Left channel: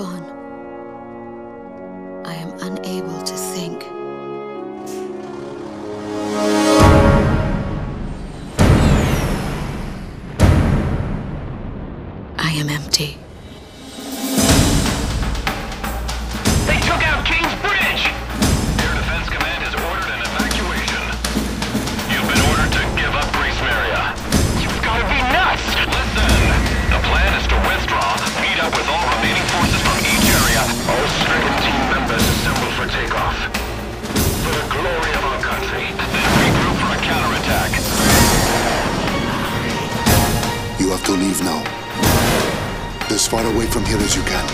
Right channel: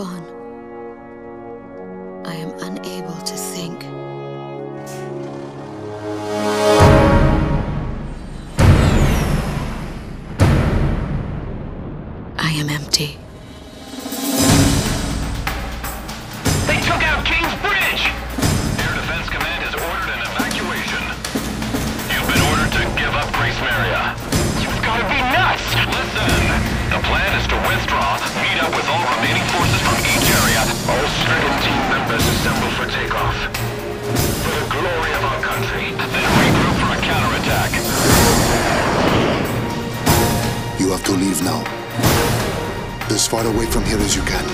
gone, I am unable to think. I am empty. They took out King's Bridge! Air Defense Command has ordered an evacuation. You've been ordered to give up Gracemeria. You've got to be nuts! Listen! The plan is to withdraw, meet up with all remaining forces from each area. All stricken team members assemble for takeoff. For the glory of our country. Then regroup for a counterattack. You have to leave now. As far away from here as you can.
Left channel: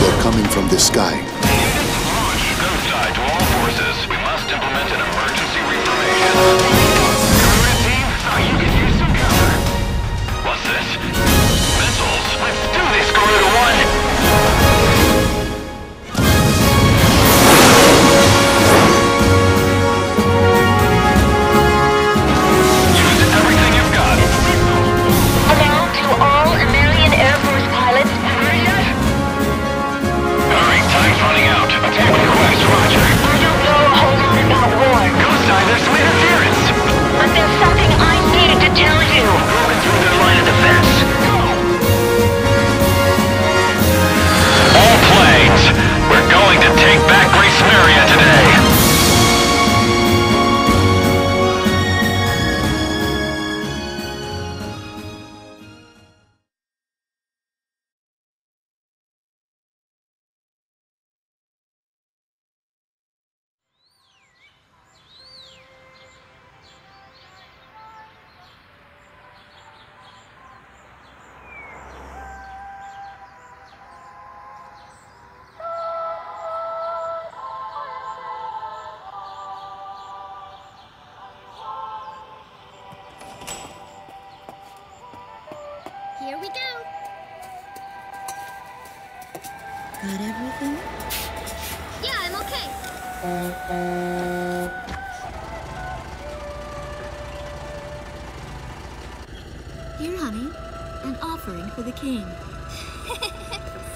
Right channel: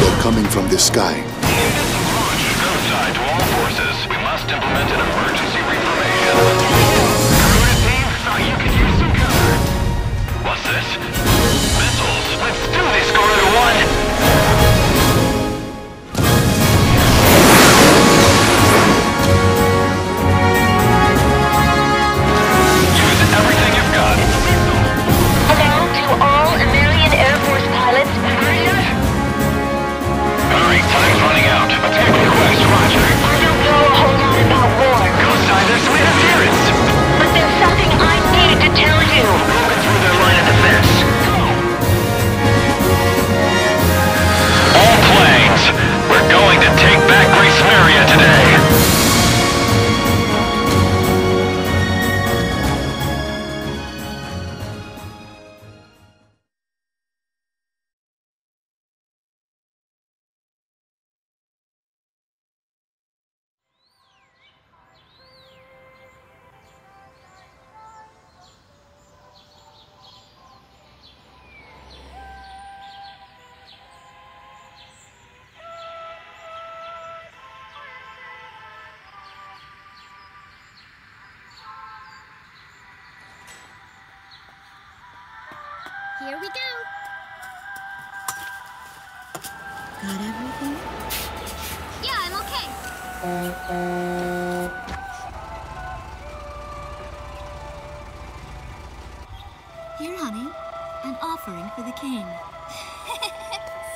They're coming from the sky. Launch. Go side to all forces. We must implement an emergency reformation. Garuda team, thought you could use some cover. What's this? Missiles? Let's do this, Garuda 1! Use everything you've got. Hello to all Emmerian Air Force pilots. Ready yet? Hurry, time's running out. Attack request, roger. I don't know a whole lot about war, Go side, there's some interference. but there's something I need to tell you. Broken through their line of defense. Go! All planes, we're going to take back Gracemeria today. Here we go. Got everything? Yeah, I'm okay. Here, honey. An offering for the king.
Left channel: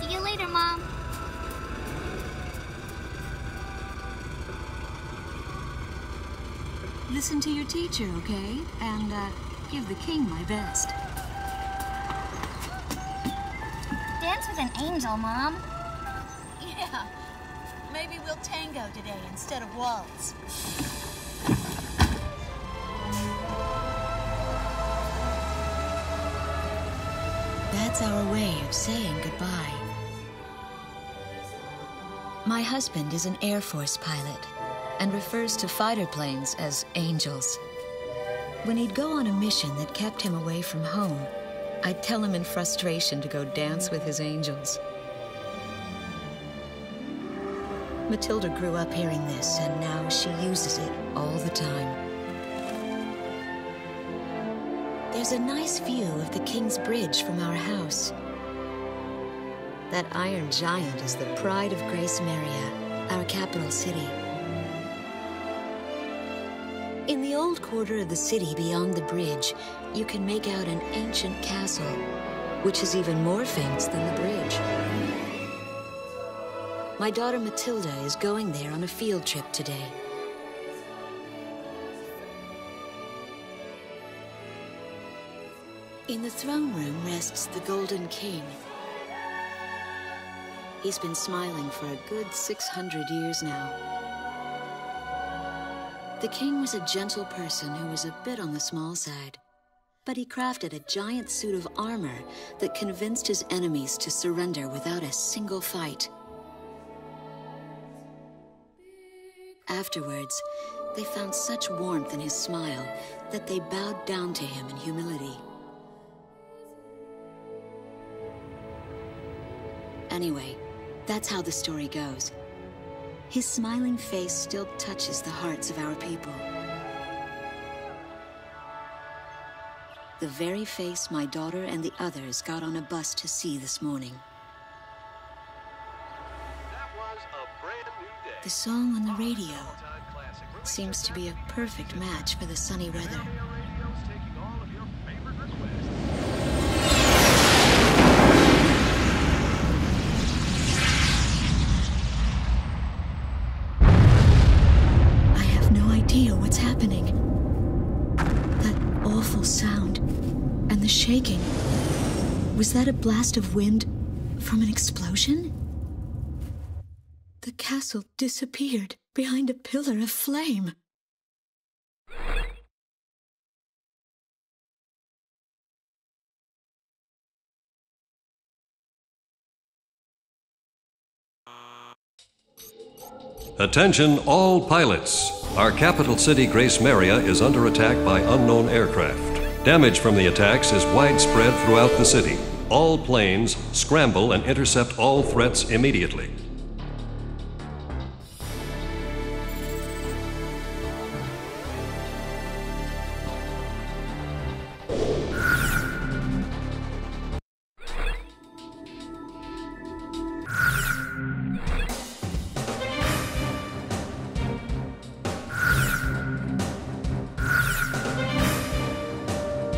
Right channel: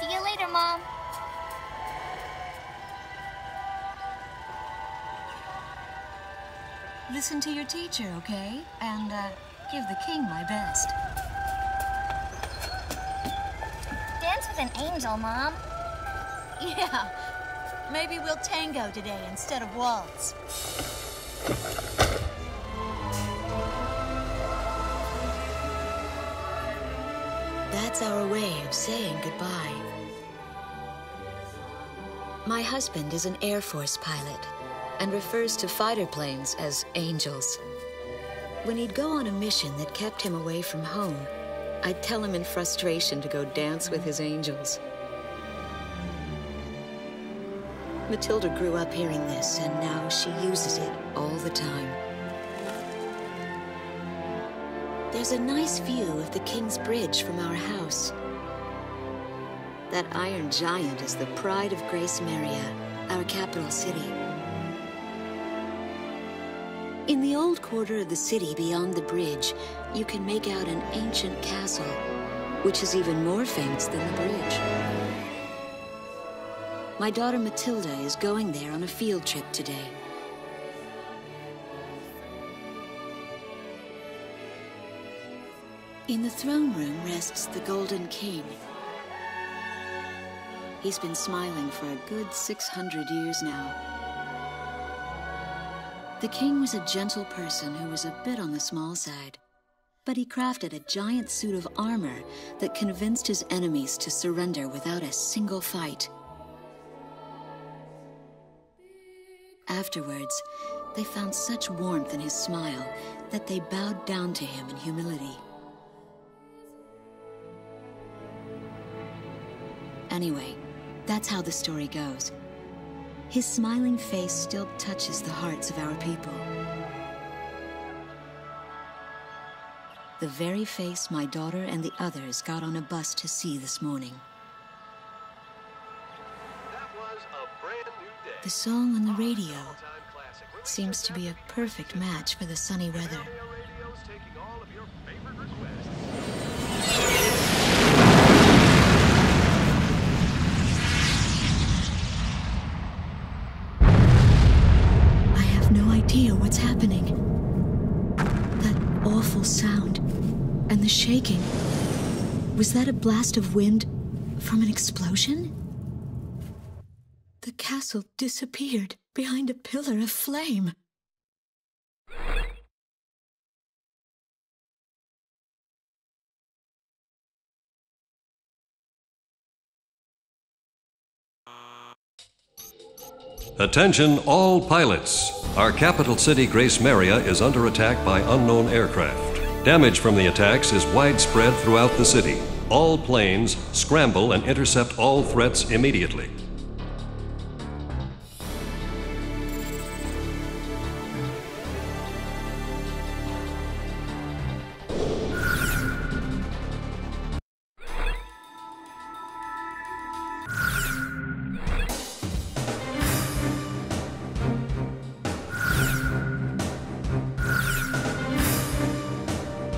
See you later, Mom. Listen to your teacher, okay? And, give the king my best. Dance with an angel, Mom. Yeah. Maybe we'll tango today instead of waltz. That's our way of saying goodbye. My husband is an Air Force pilot and refers to fighter planes as angels. When he'd go on a mission that kept him away from home, I'd tell him in frustration to go dance with his angels. Matilda grew up hearing this, and now she uses it all the time. There's a nice view of the King's Bridge from our house. That iron giant is the pride of Gracemeria, our capital city. In the old quarter of the city beyond the bridge, you can make out an ancient castle, which is even more famous than the bridge. My daughter Matilda is going there on a field trip today. In the throne room rests the Golden King. He's been smiling for a good 600 years now. The king was a gentle person who was a bit on the small side, but he crafted a giant suit of armor that convinced his enemies to surrender without a single fight. Afterwards, they found such warmth in his smile that they bowed down to him in humility. Anyway, that's how the story goes. His smiling face still touches the hearts of our people. The very face my daughter and the others got on a bus to see this morning. That was a brand new day. The song on the radio seems to be a perfect match for the sunny weather. Radio's taking all of your favorite requests. the shaking. Was that a blast of wind from an explosion? The castle disappeared behind a pillar of flame. Attention all pilots. Our capital city, Gracemeria, is under attack by unknown aircraft. Damage from the attacks is widespread throughout the city. All planes scramble and intercept all threats immediately.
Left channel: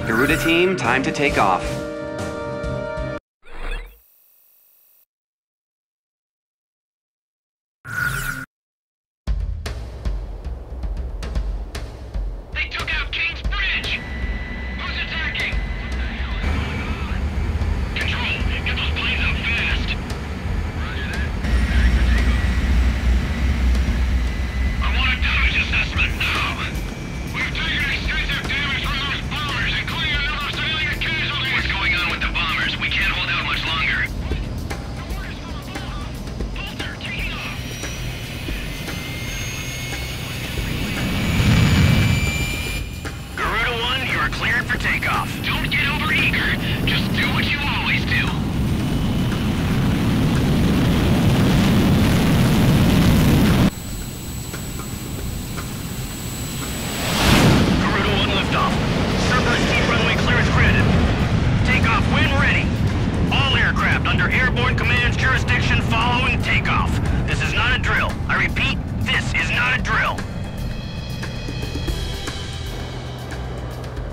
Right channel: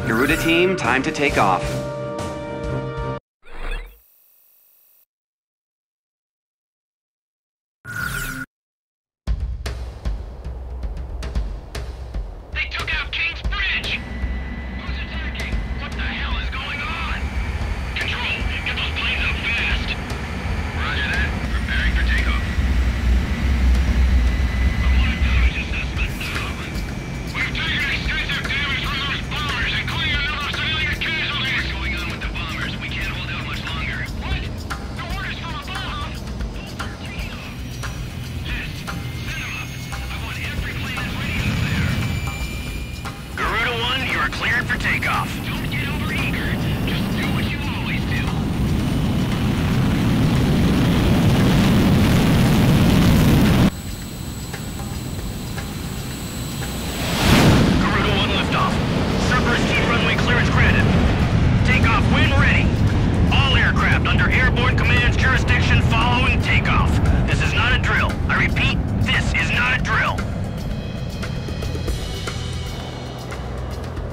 Garuda team, time to take off. They took out King's Bridge! Who's attacking? What the hell is going on? Control, get those planes up fast! Roger that. Preparing for takeoff. I want a damage assessment now! We've taken extensive damage from those bombers, including a number of civilian casualties! What's going on with the bombers? We can't hold out much longer. What? No orders from above! Bolter, taking off! Yes, set him up. I want every plane Garuda 1, you are cleared for takeoff. Don't get overeager. Just do what you always do. Garuda 1 liftoff. Cerberus team runway clearance granted. Takeoff when ready. All aircraft under airborne command's jurisdiction following takeoff. This is not a drill. I repeat, this is not a drill.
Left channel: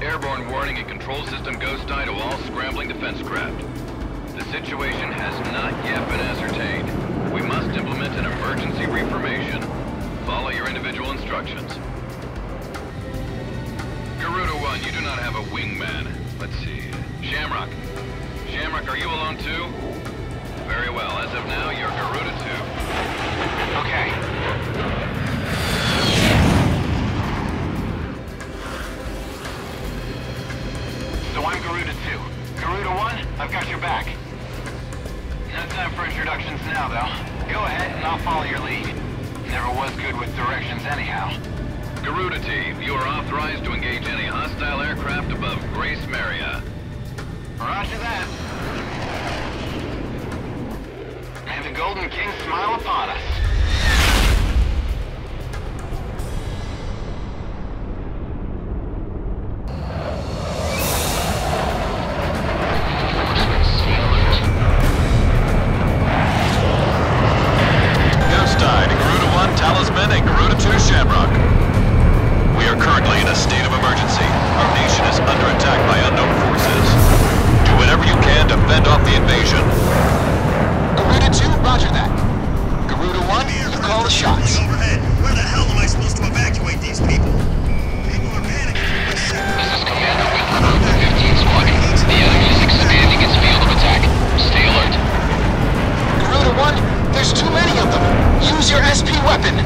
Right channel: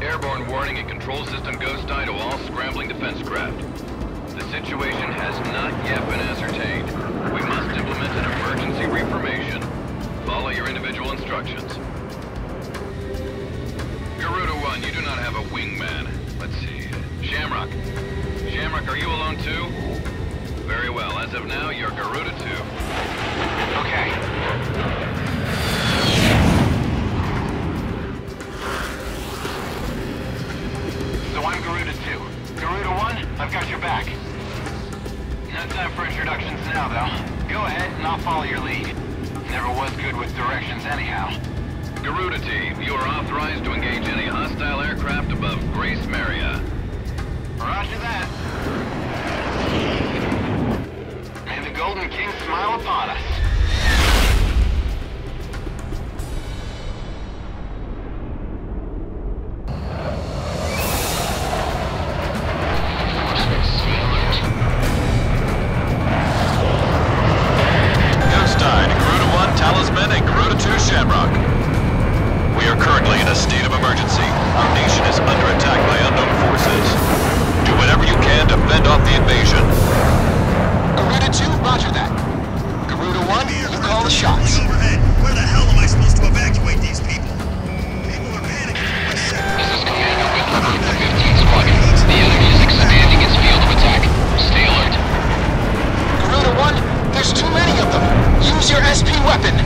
Airborne warning and control system ghost eye to all scrambling defense craft. The situation has not yet been ascertained. We must implement an emergency reformation. Follow your individual instructions. Garuda 1, you do not have a wingman. Let's see. Shamrock. Shamrock, are you alone too? Very well. As of now, you're Garuda 2. Okay. So I'm Garuda 2. Garuda 1, I've got your back. No time for introductions now, though. Go ahead and I'll follow your lead. Never was good with directions anyhow. Garuda team, you are authorized to engage any hostile aircraft above Gracemeria. Roger that. May the Golden King smile upon us. Reinforcements, stay alert. Ghost Eye to Garuda 1, Talisman, and Garuda 2, Shamrock. We are currently in a state of emergency. Our nation is under attack by unknown forces. Do whatever you can to fend off the invasion. Garuda 2, roger that. Garuda 1, you call the shots. Overhead. Where the hell am I supposed to evacuate these people? People are panicking. This is Commander Whitlock of the 15th Squadron. The enemy is expanding its field of attack. Stay alert. Garuda 1, there's too many of them. Use your SP weapon.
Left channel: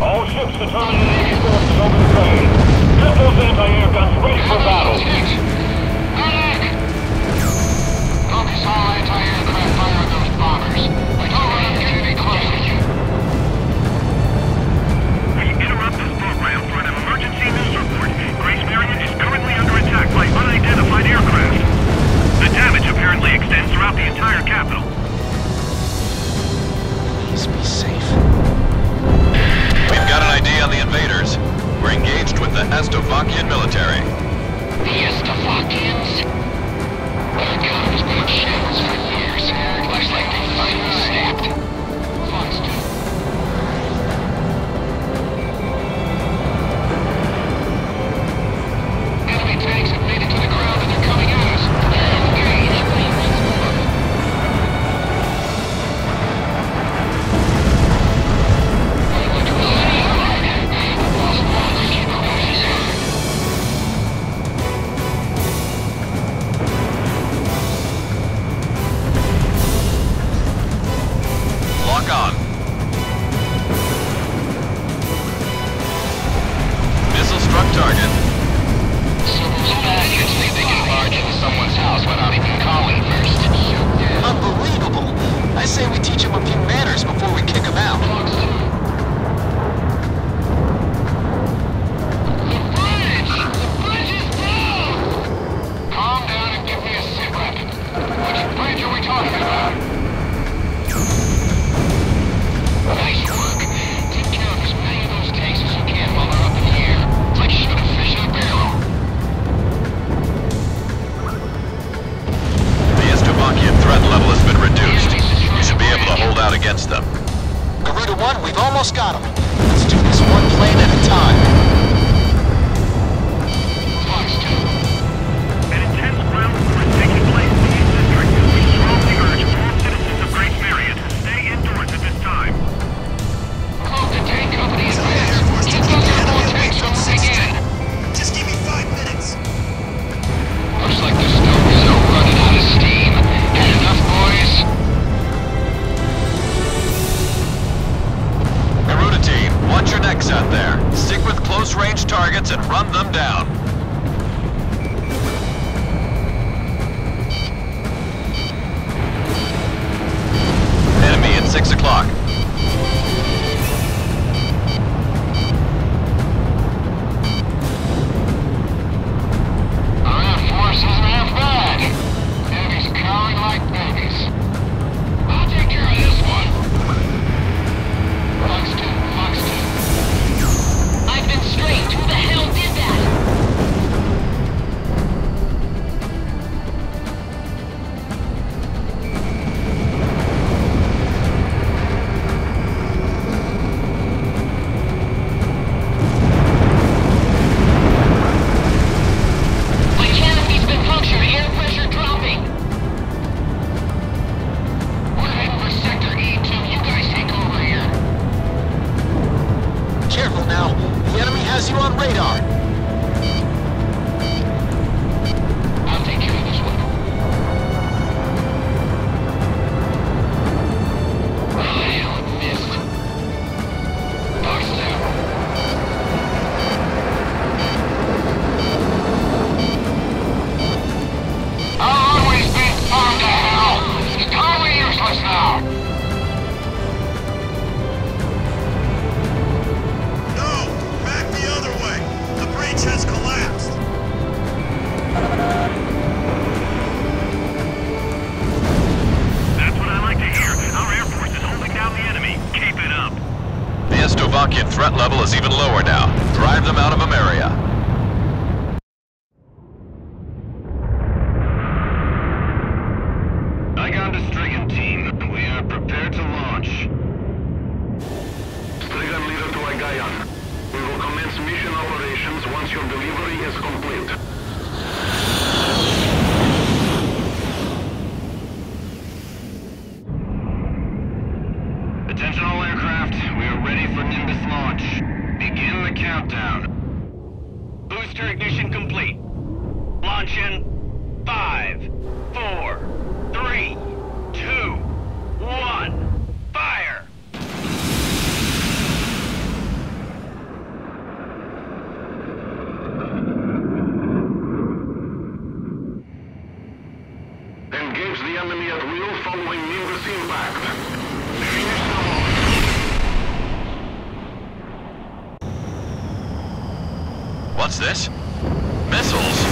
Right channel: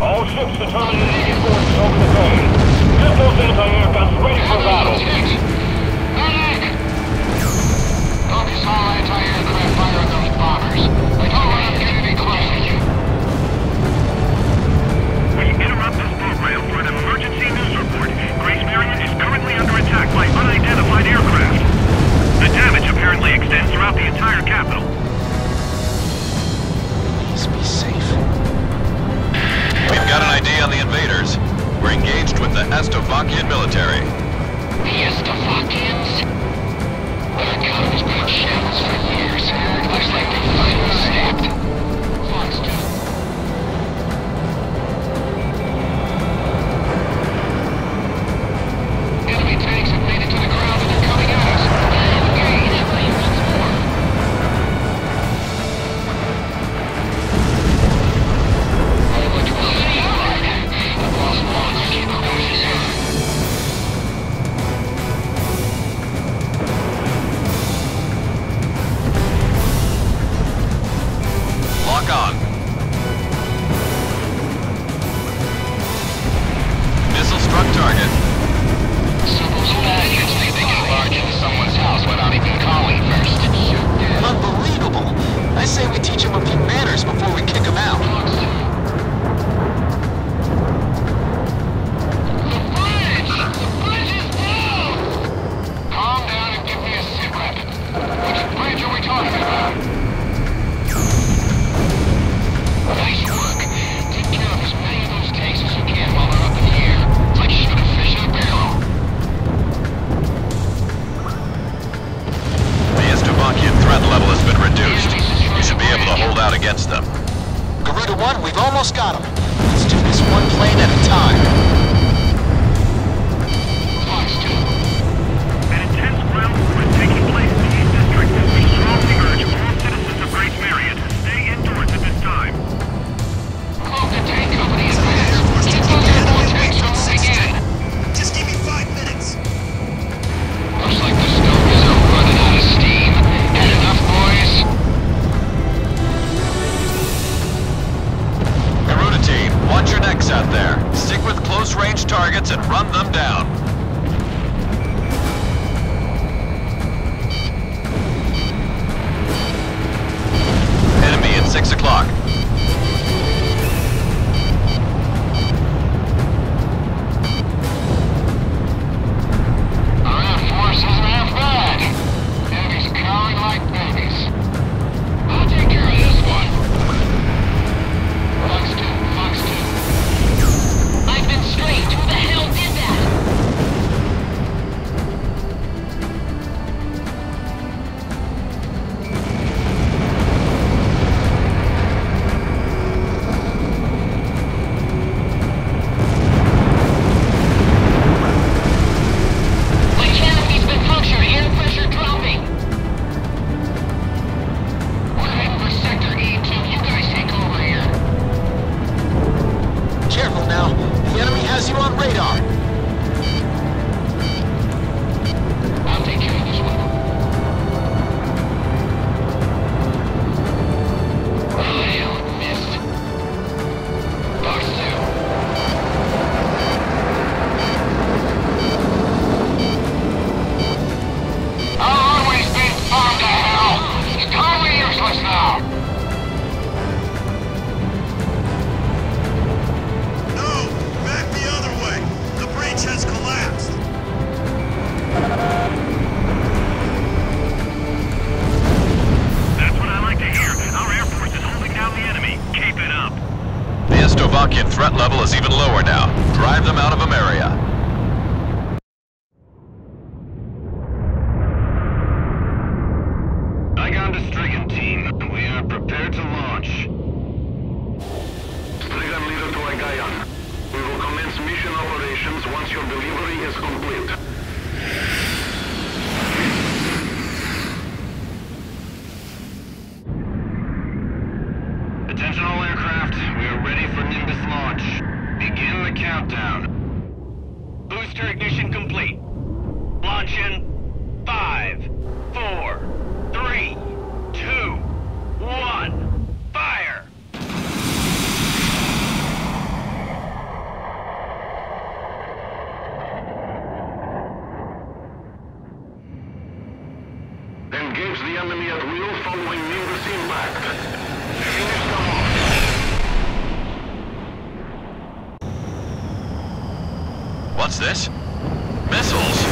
All ships determined the Navy forces over the bay. Get those anti-air guns ready for battle. Medic! Focus all anti-aircraft fire on those bombers. I don't want them getting any closer. We interrupt this program for an emergency news report. Gracemeria is currently under attack by unidentified aircraft. The damage apparently extends throughout the entire capital. Please be safe. We've got an ID on the invaders. We're engaged with the Estovakian military. The Estovakians? Their economy's been in shambles for years. Looks like they finally snapped. Fox 2. Enemy tanks have made it to the ground and they're coming at us. Prepare to engage. Once more. I looked really right. I've lost one. I can't quite. Estovakian threat level has been reduced. You should be able to hold out against them. Garuda 1, we've almost got him. Let's do this one plane at a time. An intense ground war is taking place in the East District. We strongly urge all citizens of Gracemeria to stay indoors at this time. Close the tank company is advanced. Keep those airborne tanks from moving in. Just give me 5 minutes. Looks like the Stogies are running out of steam. Had enough, boys? Garuda team, watch your necks out there. Stick with close-range targets and run them down. Enemy at 6 o'clock. Our force isn't half bad. Enemies cowering like babies. I'll take care of this one. Fox 2, Fox 2. I've been straight. Who the hell did that? My canopy's been punctured. Air pressure dropping. We're heading for Sector E2. You guys take over here. Careful now. The enemy has you on radar. I'll take care of this one. Oh, hell, it missed. Fox 2. Our runway's been farmed to hell. It's totally useless now. No! Back the other way! The breach has collapsed! That's what I like to hear. Our Air Force is holding down the enemy. Keep it up. The Estovakian threat level is even lower now. Drive them out of Emmeria. Icon to Strigan team. We are prepared to launch. Strigan leader to Agayan. We will commence mission operations once your delivery is complete. Attention all aircraft. We are ready for Nimbus launch. Begin the countdown. Booster ignition complete. Launch in 5, 4, 3, 2, 1. Fire! Engage the enemy at will following Nimbus impact. Finish them off. What's this? Missiles?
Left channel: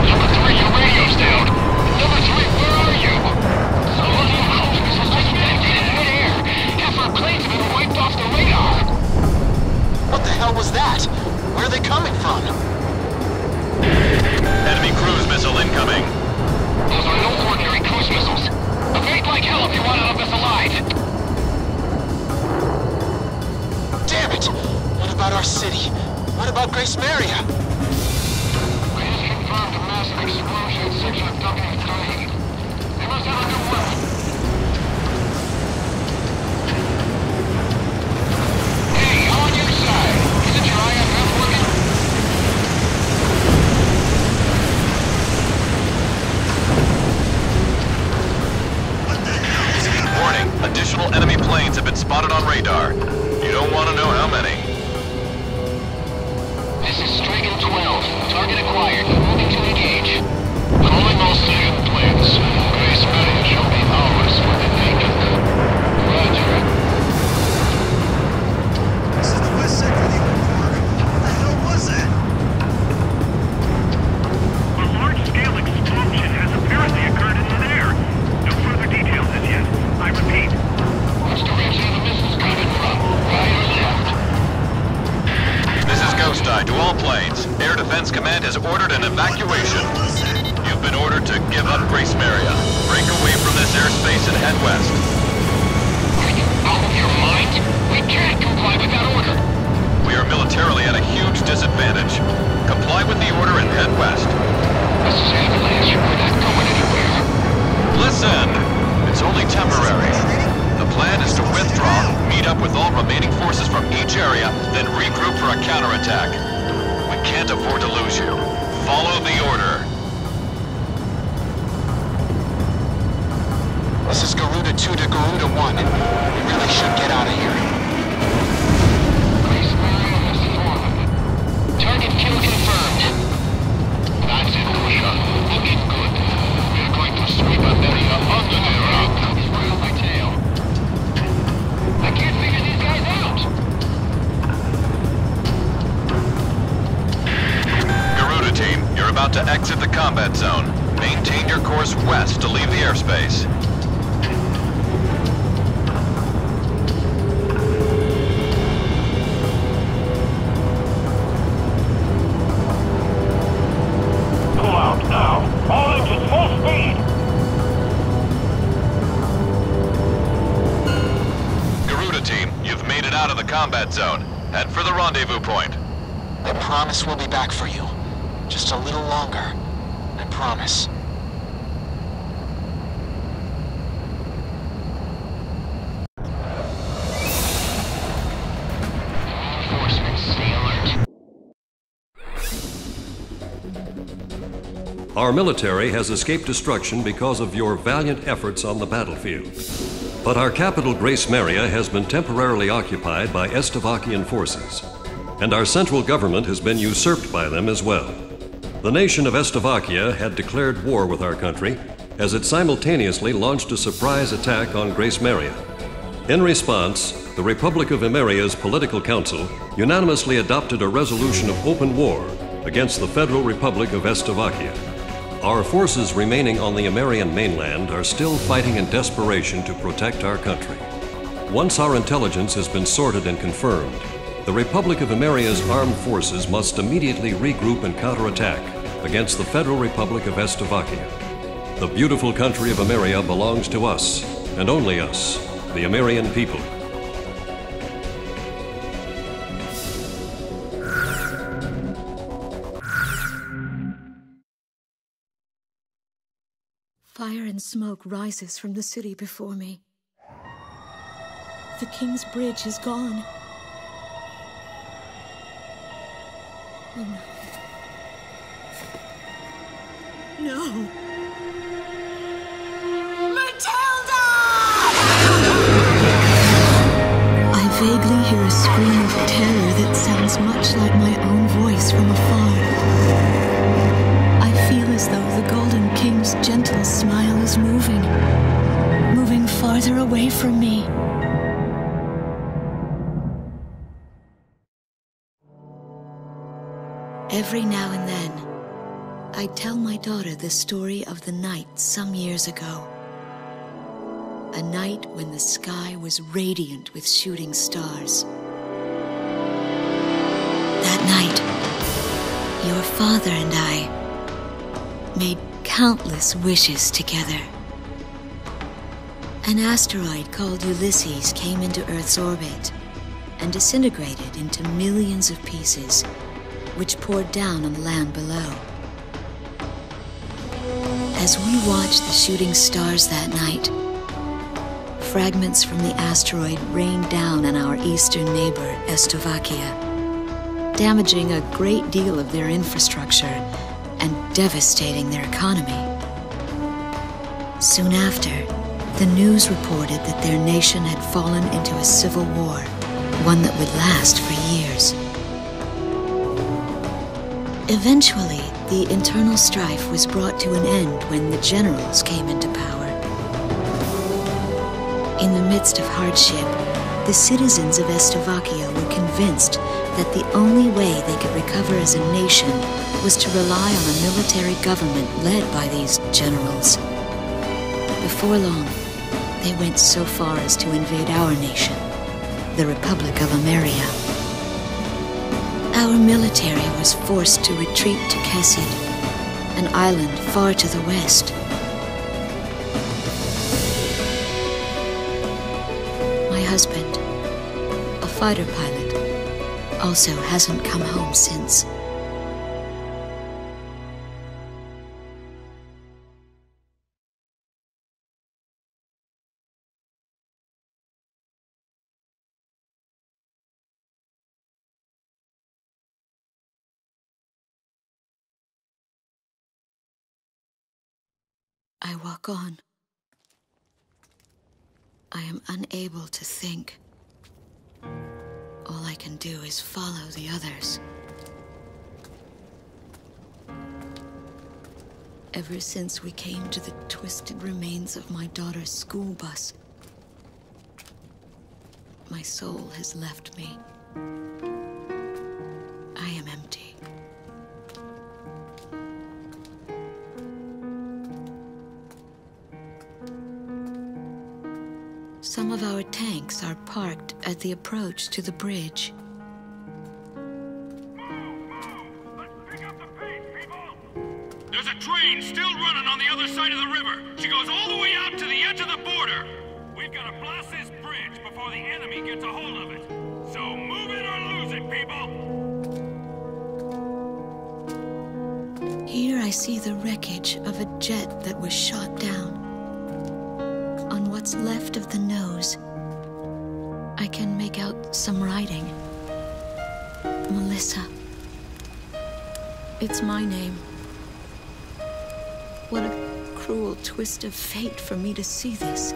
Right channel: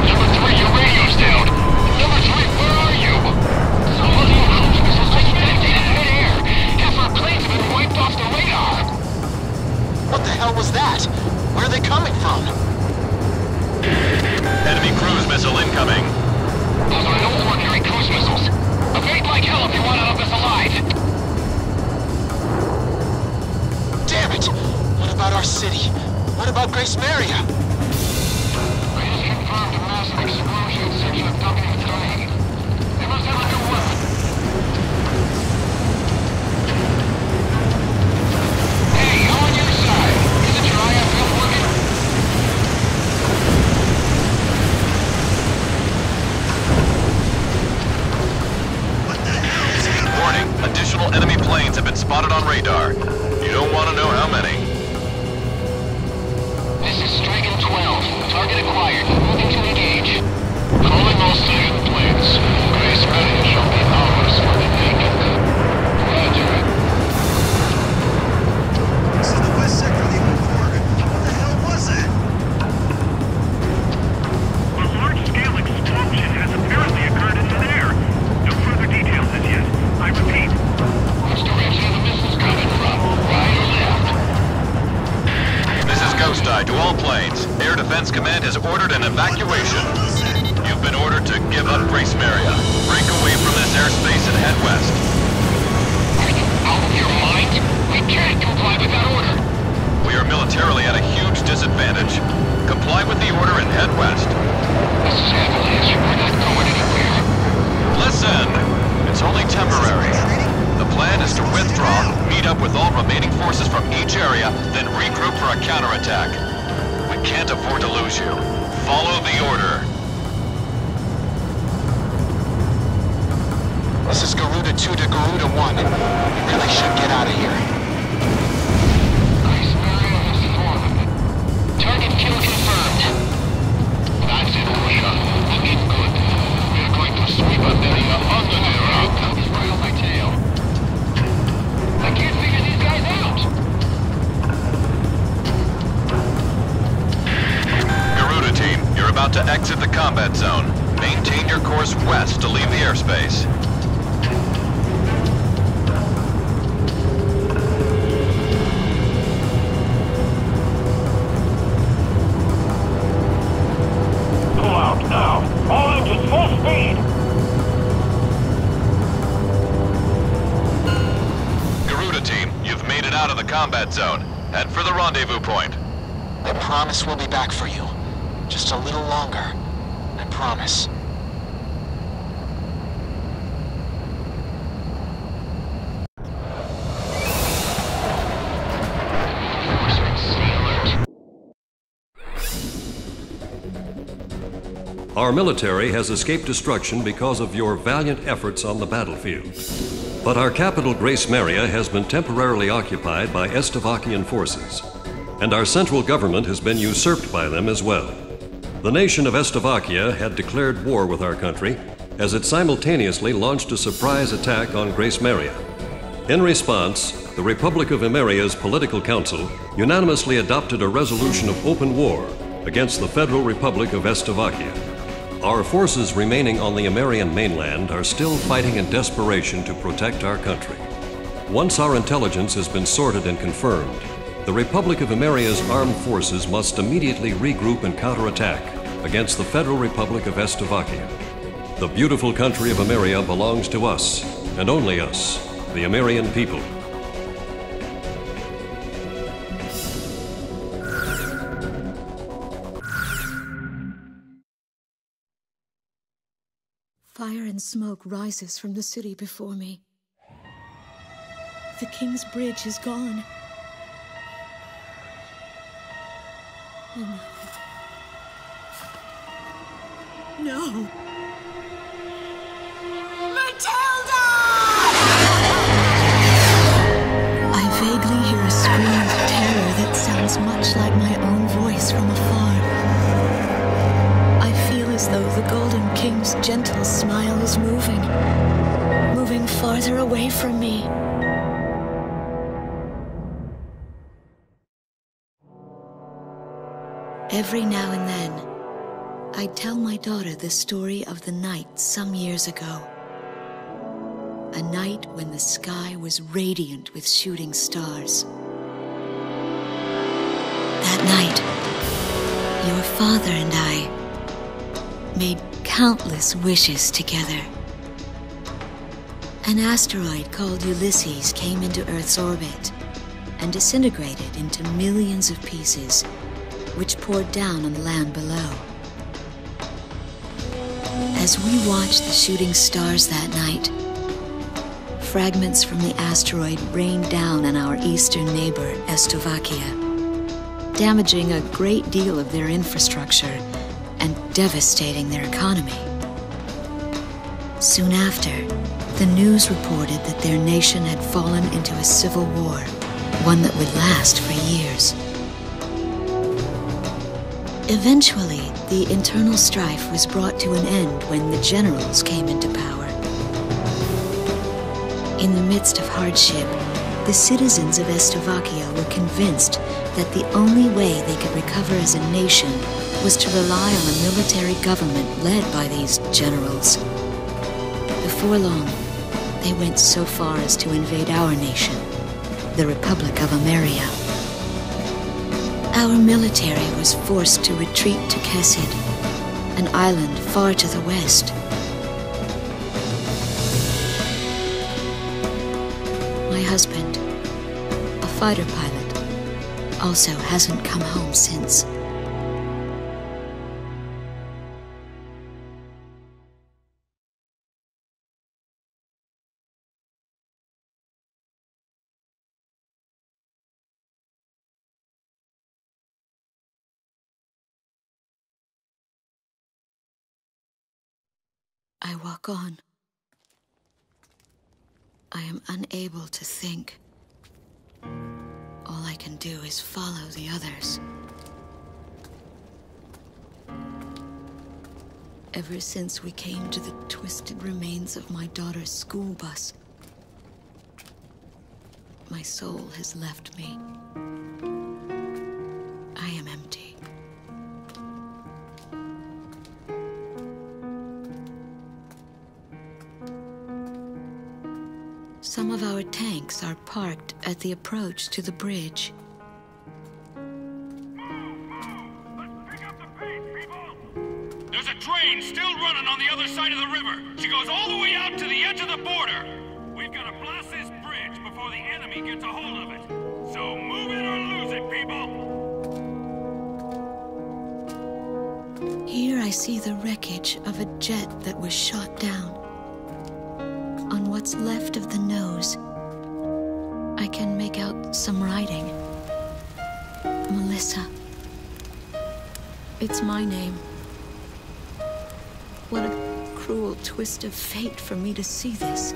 Number 3, your radio's down. Number 3, where are you? Some of the cruise missiles just detonated in midair. Half our planes have been wiped off the radar. What the hell was that? Where are they coming from? Enemy cruise missile incoming. Those are no ordinary cruise missiles. Evade like hell if you want out of this alive. Damn it! What about our city? What about Gracemeria? I just confirmed a massive explosion in section of W3. They must have a new weapon. Hey, I'm on your side. Isn't your IFF working? What the hell's happening? Warning, additional enemy planes have been spotted on radar. You don't want to know how many. This is Strigan 12. Target acquired. Moving to engage. Calling all Strigan planes. Gracemeria shall be ours for the taking. Roger. This is the west sector of the old Quark. What the hell was that? A large-scale explosion has apparently occurred in midair. No further details as yet. I repeat. Which direction are the missiles coming from? Right or left? This is Ghost all planes. Air Defense Command has ordered an evacuation. You've been ordered to give up Gracemeria. Break away from this airspace and head west. Are you out of your mind? We can't comply with that order. We are militarily at a huge disadvantage. Comply with the order and head west. This is Avalanche. We're not going anywhere. Listen! It's only temporary. The plan is to withdraw, meet up with all remaining forces from each area, then regroup for a counterattack. We can't afford to lose you. Follow the order. This is Garuda 2 to Garuda 1. We really should get out of here. Gracemeria has fallen. Target kill confirmed. That's it, Pusha. Looking good. We're going to sweep Emmeria under the rug. He's right on my tail. I can't figure these guys out. Garuda team, you're about to exit the combat zone. Maintain your course west to leave the airspace. Pull out now. All engines full speed. Garuda team, you've made it out of the combat zone. Head for the rendezvous point. I promise we'll be back for you. Just a little longer. I promise. Reinforcements, stay alert. Our military has escaped destruction because of your valiant efforts on the battlefield. But our capital, Gracemeria, has been temporarily occupied by Estovakian forces, and our central government has been usurped by them as well. The nation of Estovakia had declared war with our country as it simultaneously launched a surprise attack on Gracemeria. In response, the Republic of Emmeria's political council unanimously adopted a resolution of open war against the Federal Republic of Estovakia. Our forces remaining on the Emmerian mainland are still fighting in desperation to protect our country. Once our intelligence has been sorted and confirmed, the Republic of Emmeria's armed forces must immediately regroup and counterattack against the Federal Republic of Estovakia. The beautiful country of Emmeria belongs to us, and only us, the Emmerian people. Fire and smoke rises from the city before me. The King's Bridge is gone. Oh no. No! Matilda! I vaguely hear a scream of terror that sounds much like my own voice from afar. I feel as though the Golden King's gentle smile is moving farther away from me. Every now and then, I tell my daughter the story of the night some years ago. A night when the sky was radiant with shooting stars. That night, your father and I made countless wishes together. An asteroid called Ulysses came into Earth's orbit and disintegrated into millions of pieces, which poured down on the land below. As we watched the shooting stars that night, fragments from the asteroid rained down on our eastern neighbor, Estovakia, damaging a great deal of their infrastructure and devastating their economy. Soon after, the news reported that their nation had fallen into a civil war, one that would last for years. Eventually, the internal strife was brought to an end when the generals came into power. In the midst of hardship, the citizens of Estovakia were convinced that the only way they could recover as a nation was to rely on a military government led by these generals. Before long, they went so far as to invade our nation, the Republic of Emmeria. Our military was forced to retreat to Kesid, an island far to the west. My husband, a fighter pilot, also hasn't come home since. I walk on. I am unable to think. All I can do is follow the others. Ever since we came to the twisted remains of my daughter's school bus, my soul has left me. I am empty. Some of our tanks are parked at the approach to the bridge. Let's pick up the pace, people! There's a train still running on the other side of the river. She goes all the way out to the edge of the border. We've got to blast this bridge before the enemy gets a hold of it. So move it or lose it, people! Here I see the wreckage of a jet that was shot down. On what's left of the nose, I can make out some writing. Melissa. It's my name. What a cruel twist of fate for me to see this.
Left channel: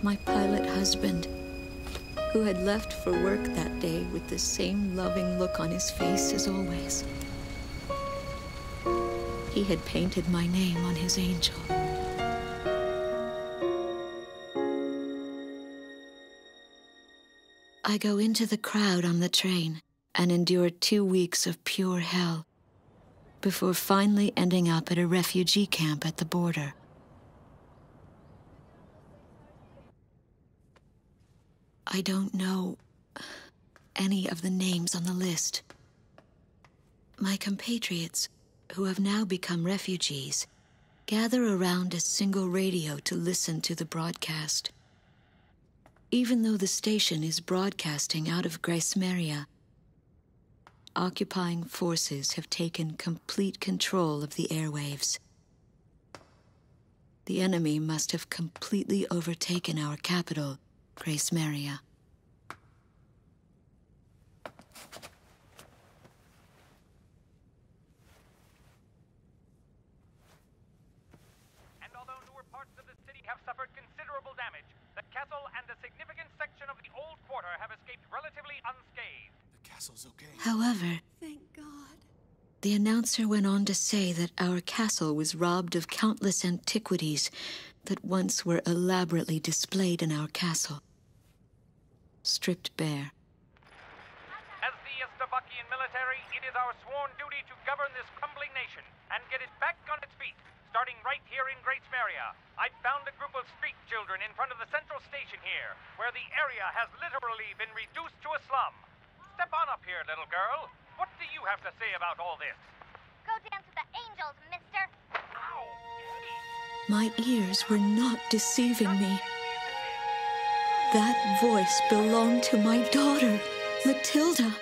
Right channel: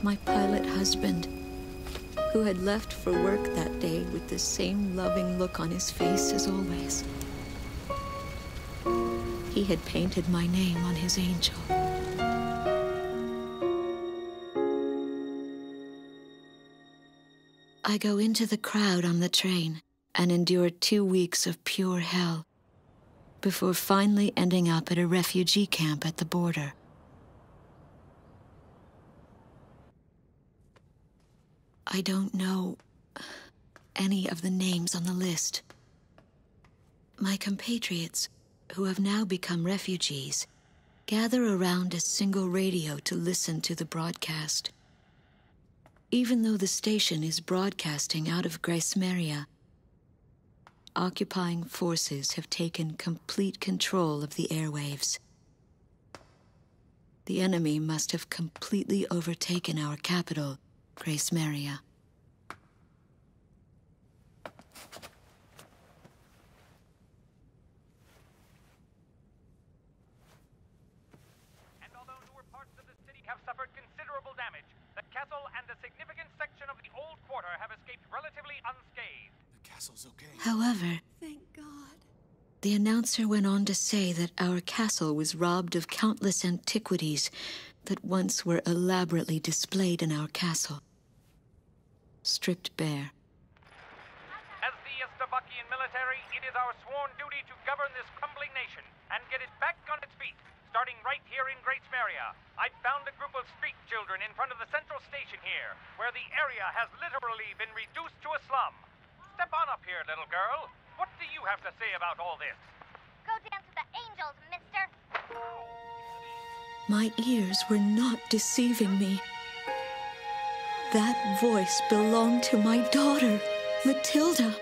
My pilot husband, who had left for work that day with the same loving look on his face as always. He had painted my name on his angel. I go into the crowd on the train and endure 2 weeks of pure hell before finally ending up at a refugee camp at the border. I don't know any of the names on the list. My compatriots, who have now become refugees, gather around a single radio to listen to the broadcast. Even though the station is broadcasting out of Gracemeria, occupying forces have taken complete control of the airwaves. The enemy must have completely overtaken our capital, Gracemeria. And although newer parts of the city have suffered considerable damage, the castle and a significant section of the old quarter have escaped relatively unscathed. The castle's okay. However, Thank God. the announcer went on to say that our castle was robbed of countless antiquities that once were elaborately displayed in our castle. Stripped bare. As the Estovakian military, it is our sworn duty to govern this crumbling nation and get it back on its feet, starting right here in Gracemeria. I've found a group of street children in front of the central station here, where the area has literally been reduced to a slum. Step on up here, little girl. What do you have to say about all this? Go dance with the angels, mister. My ears were not deceiving me. That voice belonged to my daughter, Matilda.